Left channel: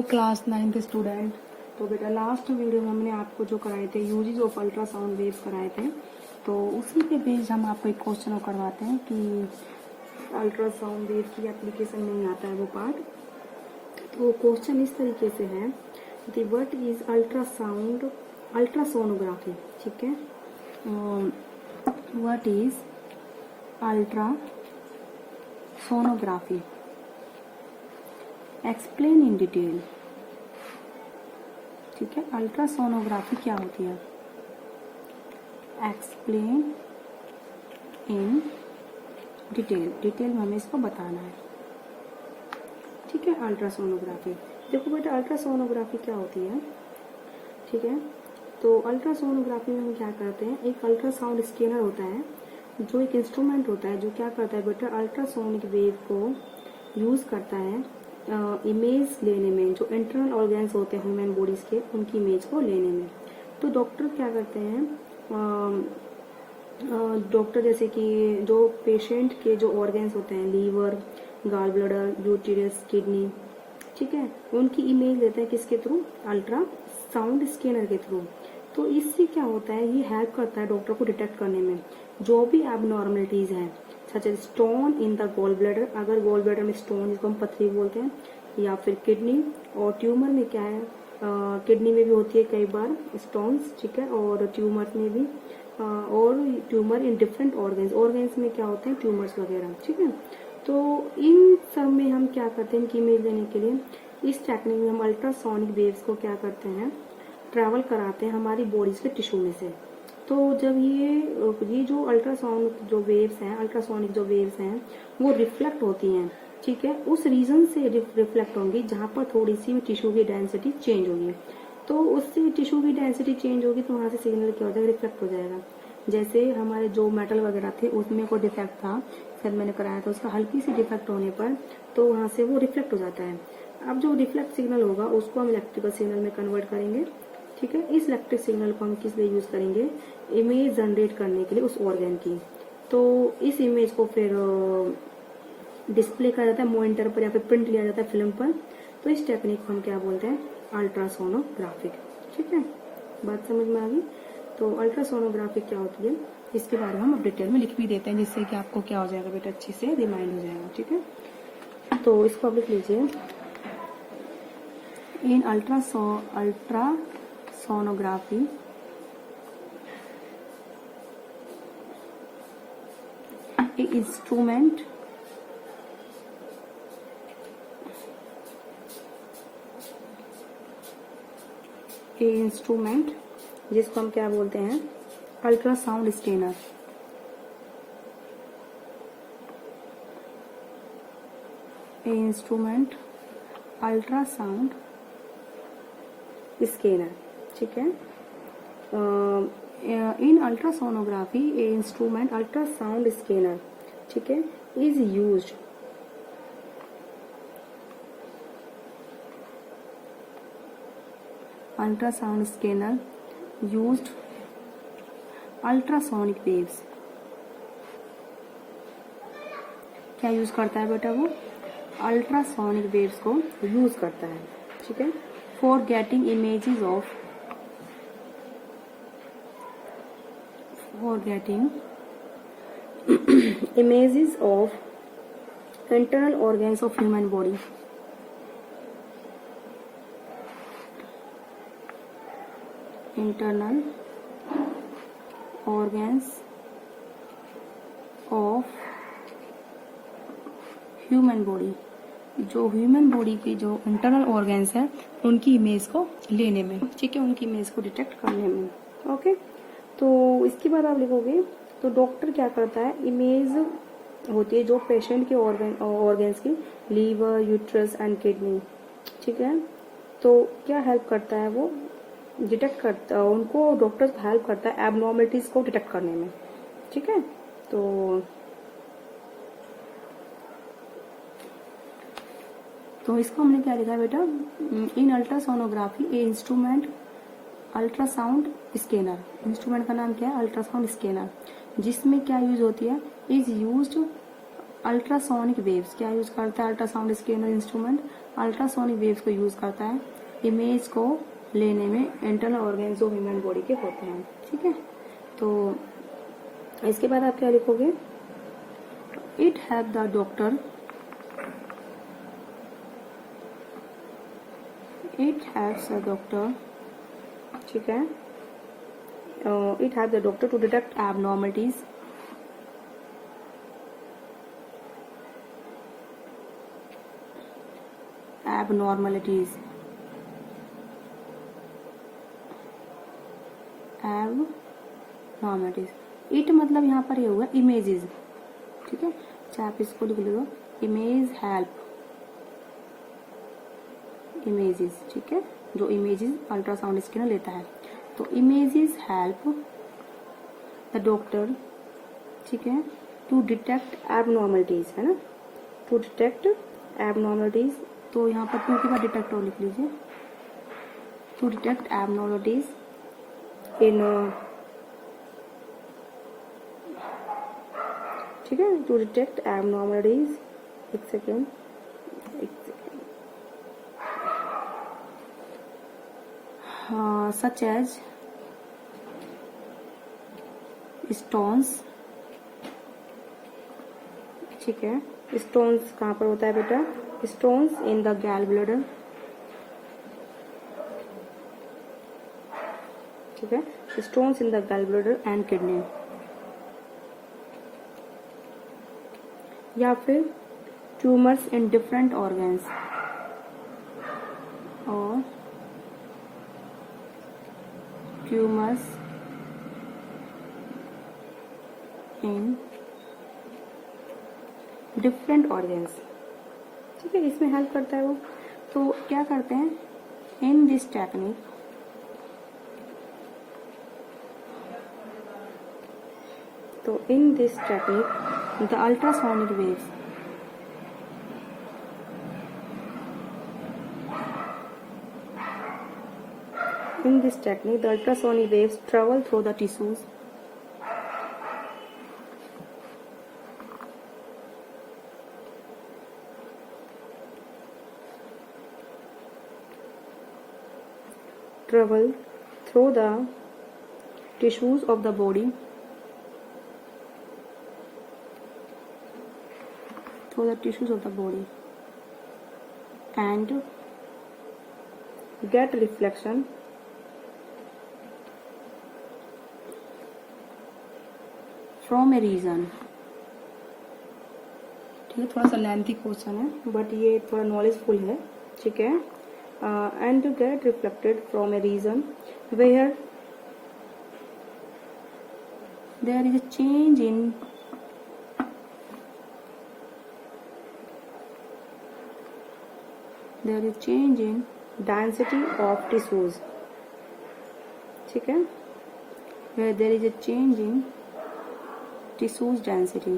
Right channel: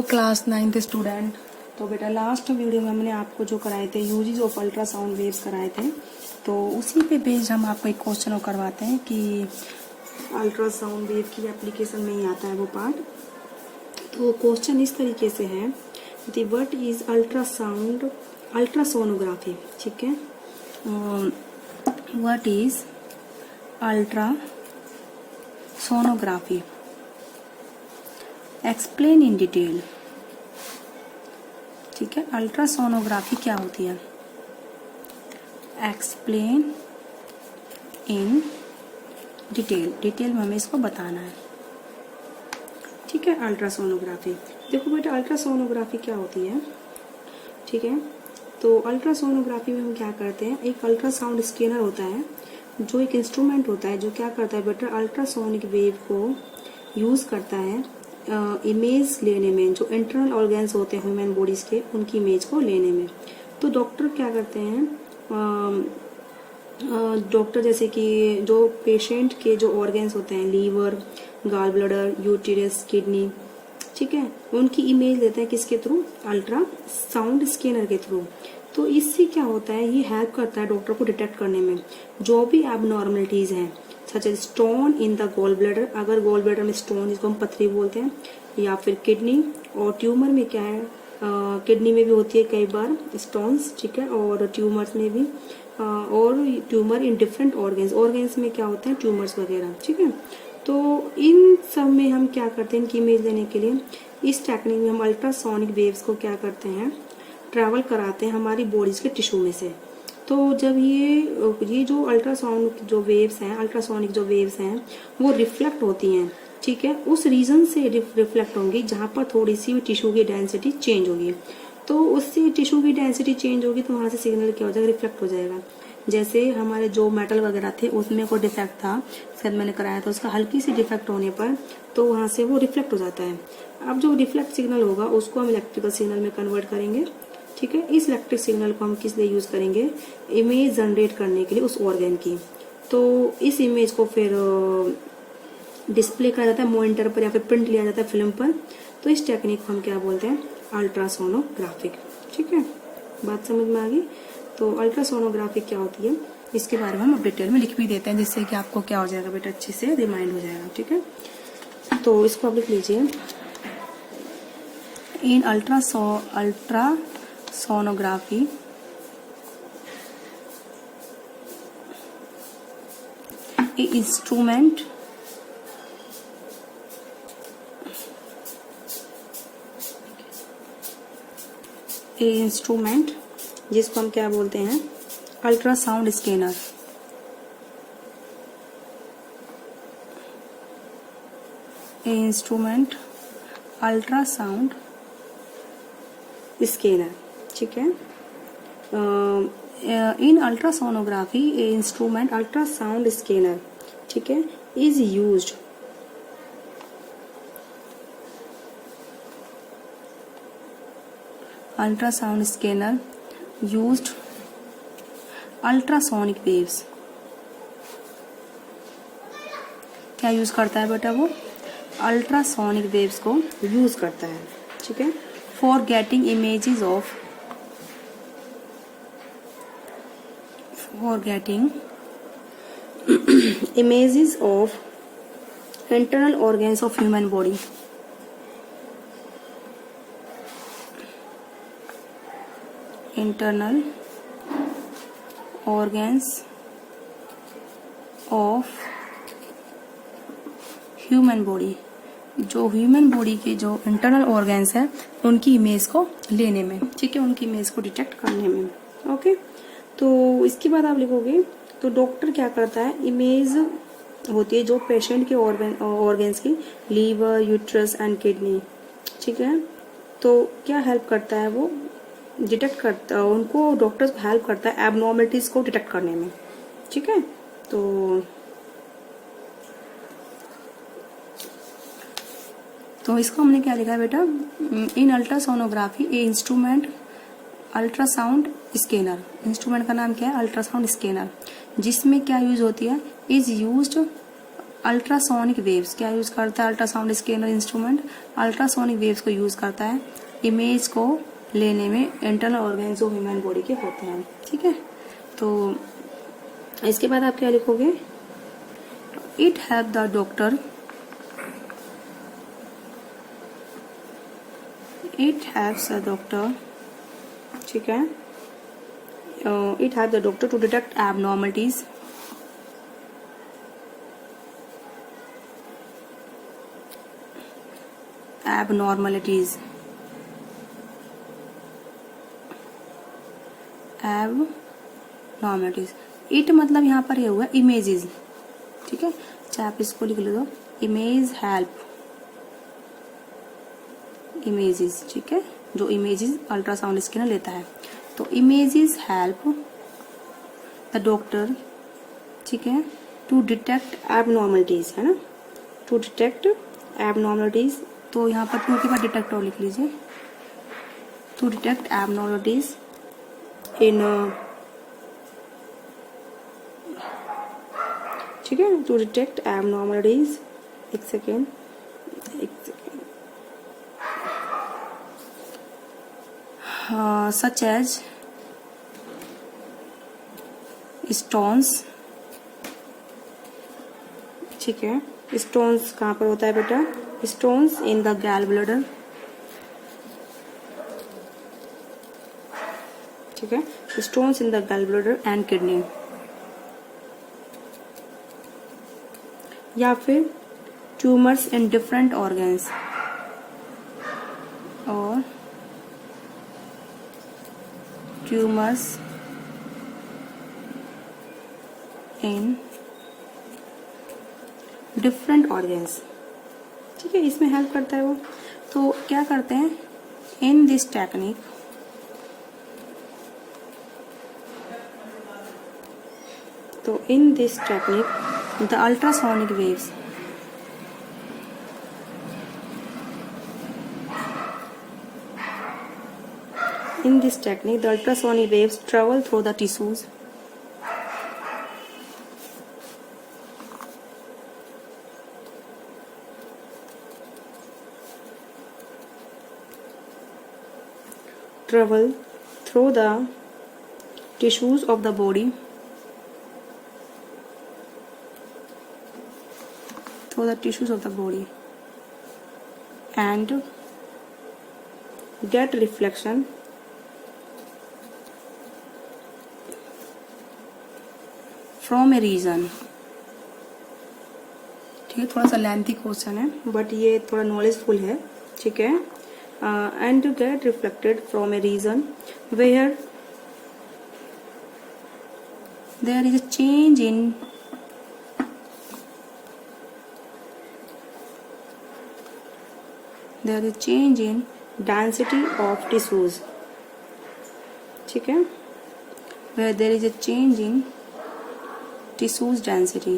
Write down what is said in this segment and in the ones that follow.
Hello class 9th student. तो बेटा last video में हमने आपको जो कराए थे यूजेज ऑफ अल्ट्रासाउंड वेव्स कराए थे, तो उसी पे बेस्ड हम आपको एक क्वेश्चन करवाते हैं कि अल्ट्रासाउंड वेव की एप्लीकेशन में ही आता है वो पार्ट। तो क्वेश्चन इस तरीके से है कि व्हाट इज अल्ट्रासोनोग्राफी। ठीक है, what is ultrasonography, explain in detail. ठीक है, अल्ट्रासोनोग्राफी क्या होती है, एक्सप्लेन इन डिटेल, डिटेल में हमें इसको बताना है। ठीक है, अल्ट्रासोनोग्राफी। देखो बेटा अल्ट्रासोनोग्राफी क्या होती है। ठीक है, तो अल्ट्रासोनोग्राफी में हम क्या करते हैं, एक अल्ट्रासाउंड स्कैनर होता है जो एक इंस्ट्रूमेंट होता है जो क्या करता है बेटा अल्ट्रासोनिक वेव को यूज़ करता है इमेज लेने में, जो इंटरनल ऑर्गन्स होते हैं ह्यूमन बॉडीज के, उनकी इमेज को लेने में। तो डॉक्टर क्या करते हैं, डॉक्टर जैसे कि जो पेशेंट के जो ऑर्गन्स होते हैं, liver, gall bladder, uterus, kidney, ठीक है, उनकी इमेज लेते हैं किसके थ्रू, अल्ट्रासाउंड स्कैनर के थ्रू। तो इससे क्या होता है, ये हेल्प करता है डॉक्टर को डिटेक्ट करने में जो भी एबनॉर्मलिटीज हैं, such as stone in the gall bladder, अगर गॉल ब्लैडर में स्टोन जिसको हम पथरी बोलते हैं, या फिर किडनी, और ट्यूमर में क्या है, किडनी में भी होती है कई बार स्टोन्स, ठीक है, और ट्यूमर्स में भी, और ट्यूमर इन डिफरेंट ऑर्गन्स में क्या होते हैं, ट्यूमर्स वगैरह। ठीक है, तो इन सब में हम क्या करते हैं, इनकी इमेज लेने के लिए इस टेक्निक में हम अल्ट्रासोनिक वेव्स को क्या करते हैं, ट्रैवल कराते हैं हमारी बॉडीज के टिश्यू में से। तो जब ये जो अल्ट्रासाउंड जो वेव्स हैं, अल्ट्रासोनिक जो वेव्स हैं, वो रिफ्लेक्ट होती हैं, ठीक है, उस रीजन से रिफ्लेक्ट होंगी जहाँ पर थोड़ी सी टिश्यू की डेंसिटी चेंज होगी। तो उससे टिश्यू की डेंसिटी चेंज होगी तो वहाँ से सिग्नल क्या हो जाएगा, रिफ्लेक्ट हो जाएगा। जैसे हमारे जो मेटल वगैरह थे उसमें कोई डिफेक्ट था, शायद मैंने कराया था, उसका हल्की सी डिफेक्ट होने पर तो वहाँ से वो रिफ्लेक्ट हो जाता है। अब जो रिफ्लेक्ट सिग्नल होगा उसको हम इलेक्ट्रिकल सिग्नल में कन्वर्ट करेंगे। ठीक है, इस इलेक्ट्रिक सिग्नल को हम किस लिए यूज़ करेंगे, इमेज जनरेट करने के लिए उस ऑर्गन की। तो इस इमेज को फिर डिस्प्ले करा जाता है मॉनिटर पर या फिर प्रिंट लिया जाता है फिल्म पर। तो इस टेक्निक को हम क्या बोलते हैं, अल्ट्रासोनोग्राफिक। ठीक है, बात समझ में आ गई। तो अल्ट्रासोनोग्राफी क्या होती है इसके बारे में हम डिटेल में लिख भी देते हैं, जिससे कि आपको क्या हो जाएगा बेटा, अच्छे से रिमाइंड हो जाएगा। ठीक है, तो इसको आप लिख लीजिए, इन अल्ट्रासोनोग्राफी ए इंस्ट्रूमेंट जिसको हम क्या बोलते हैं, ultrasound scanner. Instrument ultrasound scanner. ठीक है, इन अल्ट्रासोनोग्राफी ए इंस्ट्रूमेंट अल्ट्रासाउंड स्कैनर, ठीक है, is used ultrasound scanner used ultrasonic waves. क्या यूज करता है बेटा, वो अल्ट्रासोनिक वेव्स को यूज करता है। ठीक है, for getting images of internal organs of human body. Internal organs of human body, जो ह्यूमन बॉडी के जो इंटरनल ऑर्गन्स हैं उनकी इमेज को लेने में, ठीक है, उनकी इमेज को डिटेक्ट करने में। ओके, तो इसके बाद आप लिखोगे, तो डॉक्टर क्या करता है, इमेज होती है जो पेशेंट के ऑर्गन्स की, लीवर, यूट्रस एंड किडनी, ठीक है, तो क्या हेल्प करता है, वो डिटेक्ट करता है, उनको डॉक्टर्स को हेल्प करता है एबनॉर्मलिटीज को डिटेक्ट करने में। ठीक है, तो इसको हमने क्या लिखा है बेटा, इन अल्ट्रासोनोग्राफी ए इंस्ट्रूमेंट अल्ट्रासाउंड स्कैनर। इंस्ट्रूमेंट का नाम क्या है, अल्ट्रासाउंड स्कैनर, जिसमें क्या यूज होती है, इज यूज्ड अल्ट्रासोनिक वेव्स क्या यूज करता है ultrasound scanner instrument? Ultrasonic waves को यूज करता है इमेज को लेने में इंटरनल ऑर्गन्स जो ह्यूमन बॉडी के होते हैं। ठीक है, तो इसके बाद आप क्या लिखोगे? It help the doctor, it helps the doctor, ठीक है, it help the doctor to detect abnormalities, abnormalities, abnormalities। It मतलब यहाँ पर ये हुआ इमेजेस, ठीक है, चाहे आप इसको लिख लो इमेज हेल्प, इमेजेस, ठीक है, जो इमेजेस अल्ट्रासाउंड स्कैनर लेता है। तो इमेजेस हेल्प द डॉक्टर, ठीक है, टू डिटेक्ट एबनॉर्मलिटीज, है ना, टू डिटेक्ट एबनॉर्मलिटीज। तो यहाँ पर टू के बाद डिटेक्ट और लिख लीजिए, टू डिटेक्ट एबनॉर्मलिटीज इन, ठीक है, टू डिटेक्ट एबनॉर्मलिटीज, एक सेकेंड, सच एज स्टोन्स, ठीक है, स्टोन्स कहाँ पर होता है बेटा? स्टोन्स इन द गैल ब्लडर, ठीक है, स्टोन्स इन द गैल ब्लडर एंड किडनी, या फिर ट्यूमर्स इन डिफरेंट ऑर्गन्स, और ट्यूमर्स इन डिफरेंट ऑर्गन्स, ठीक है, इसमें हेल्प करता है वो। तो क्या करते हैं इन दिस टेक्निक, तो in this technique the ultrasonic waves, in this technique the ultrasonic waves travel through the tissues, travel through the tissues of the body, through the tissues of the body and get reflection from a region. ठीक है, थोड़ा सा lengthy question है but ये थोड़ा knowledgeful है, ठीक है। And to get reflected from a region where there is a change in there is change in density of tissues, ठीक है, where there is a change in tissues density,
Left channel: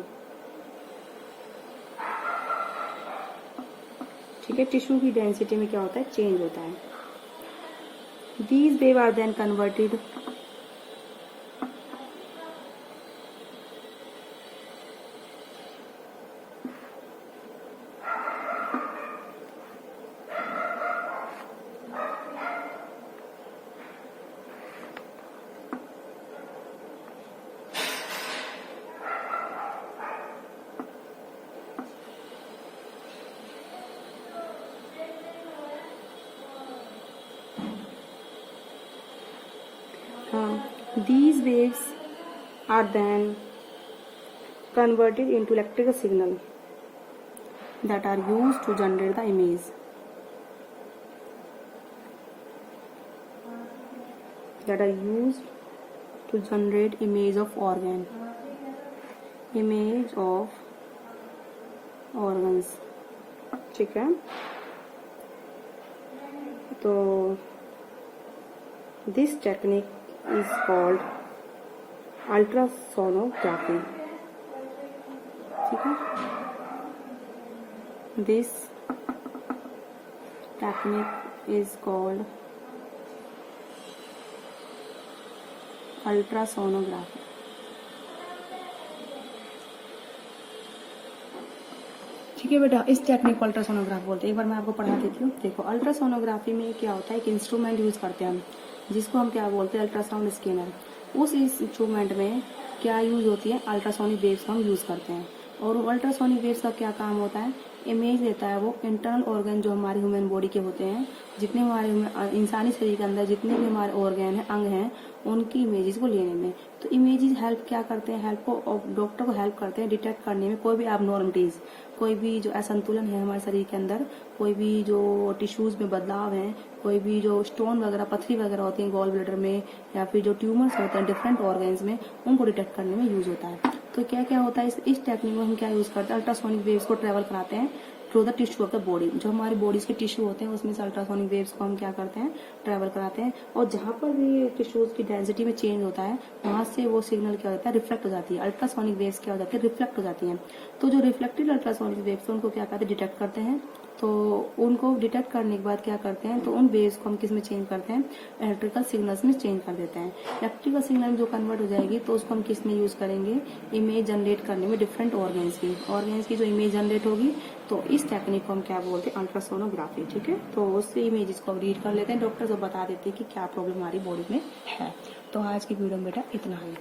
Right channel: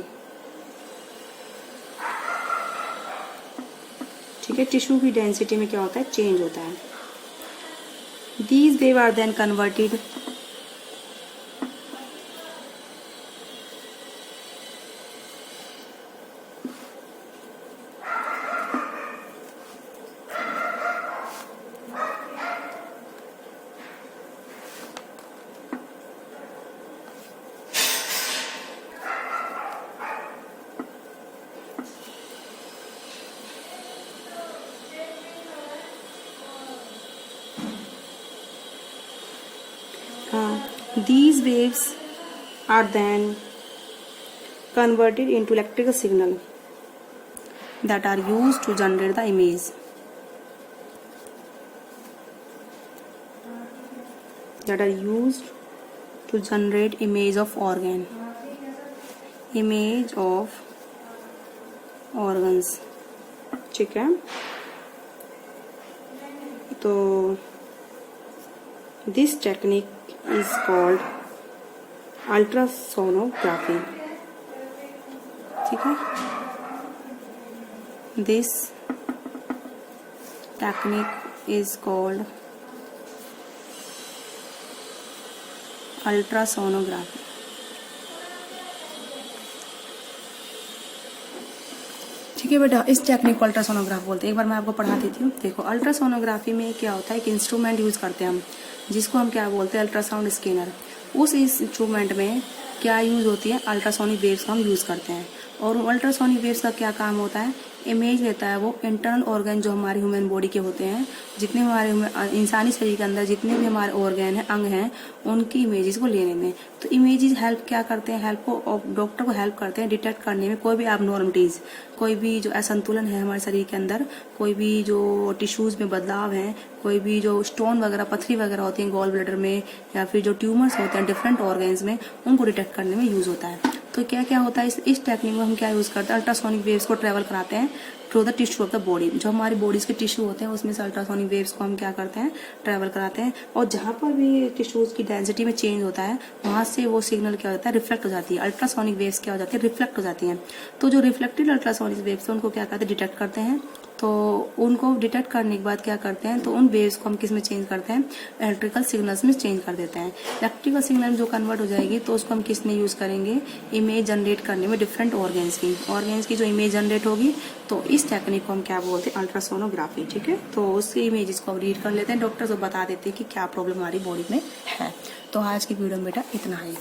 ठीक है, टिश्यू की डेंसिटी में क्या होता है, चेंज होता है। these wave are then converted these waves are then converted into electrical signal that are used to generate the image, that are used to generate image of organ, image of organs, ठीक है। तो this technique is called ultrasonography, ठीक है। this technique is called ultrasonography। ठीक है बेटा, इस technique को अल्ट्रासोनोग्राफ बोलते हैं। एक बार मैं आपको पढ़ा देती हूँ। देखो, अल्ट्रासोनोग्राफी में क्या होता है कि इंस्ट्रूमेंट यूज करते हैं हम, जिसको हम क्या बोलते हैं, अल्ट्रासाउंड स्कैनर। उस इंस्ट्रूमेंट में क्या यूज होती है, अल्ट्रासोनिक वेव्स को हम यूज करते हैं। और अल्ट्रासोनिक वेव्स का क्या काम होता है, इमेज लेता है वो इंटरनल ऑर्गन जो हमारी ह्यूमन बॉडी के होते हैं, जितने हमारे इंसानी शरीर के अंदर जितने भी हमारे ऑर्गन हैं, अंग हैं, उनकी इमेजेस को लेने में। तो इमेजेस हेल्प क्या करते हैं, हेल्प को डॉक्टर को हेल्प करते हैं डिटेक्ट करने में कोई भी एबनॉर्मलिटीज, कोई भी जो असंतुलन है हमारे शरीर के अंदर, कोई भी जो टिश्यूज में बदलाव है, कोई भी जो स्टोन वगैरह, पथरी वगैरह होती है गॉल ब्लैडर में, या फिर जो ट्यूमर्स होते हैं डिफरेंट ऑर्गन्स में, उनको डिटेक्ट करने में यूज होता है। तो क्या क्या होता है इस टेक्निक में हम क्या यूज करते हैं, अल्ट्रासोनिक वेव्स को ट्रेवल कराते हैं through the tissue of the body. जो हमारी बॉडीज के टिश्यू होते हैं उसमें से अल्ट्रासोनिक वेव्स को हम क्या करते हैं, ट्रेवल कराते हैं। और जहाँ पर भी टिश्यूज की डेंसिटी में चेंज होता है, वहाँ से वो सिग्नल क्या होता है, रिफ्लेक्ट हो जाती है। अल्ट्रासोनिक वेव्स क्या हो जाती है, रिफ्लेक्ट हो जाती हैं। तो जो रिफ्लेक्टेड अल्ट्रासोनिक वेव्स उनको क्या करते हैं, डिटेक्ट करते हैं। तो उनको डिटेक्ट करने के बाद क्या करते हैं, तो उन वेव्स को हम किस में चेंज करते हैं, इलेक्ट्रिकल सिग्नल्स में चेंज कर देते हैं। इलेक्ट्रिकल सिग्नल जो कन्वर्ट हो जाएगी तो उसको हम किस में यूज करेंगे, इमेज जनरेट करने में डिफरेंट ऑर्गन्स की जो इमेज जनरेट होगी, तो इस टेक्निक को हम क्या बोलते हैं, अल्ट्रासोनोग्राफी। ठीक है, तो उसकी इमेजेस को रीड कर लेते हैं, डॉक्टर को बता देते हैं कि क्या प्रॉब्लम हमारी बॉडी में है। तो आज की वीडियो में बेटा इतना है।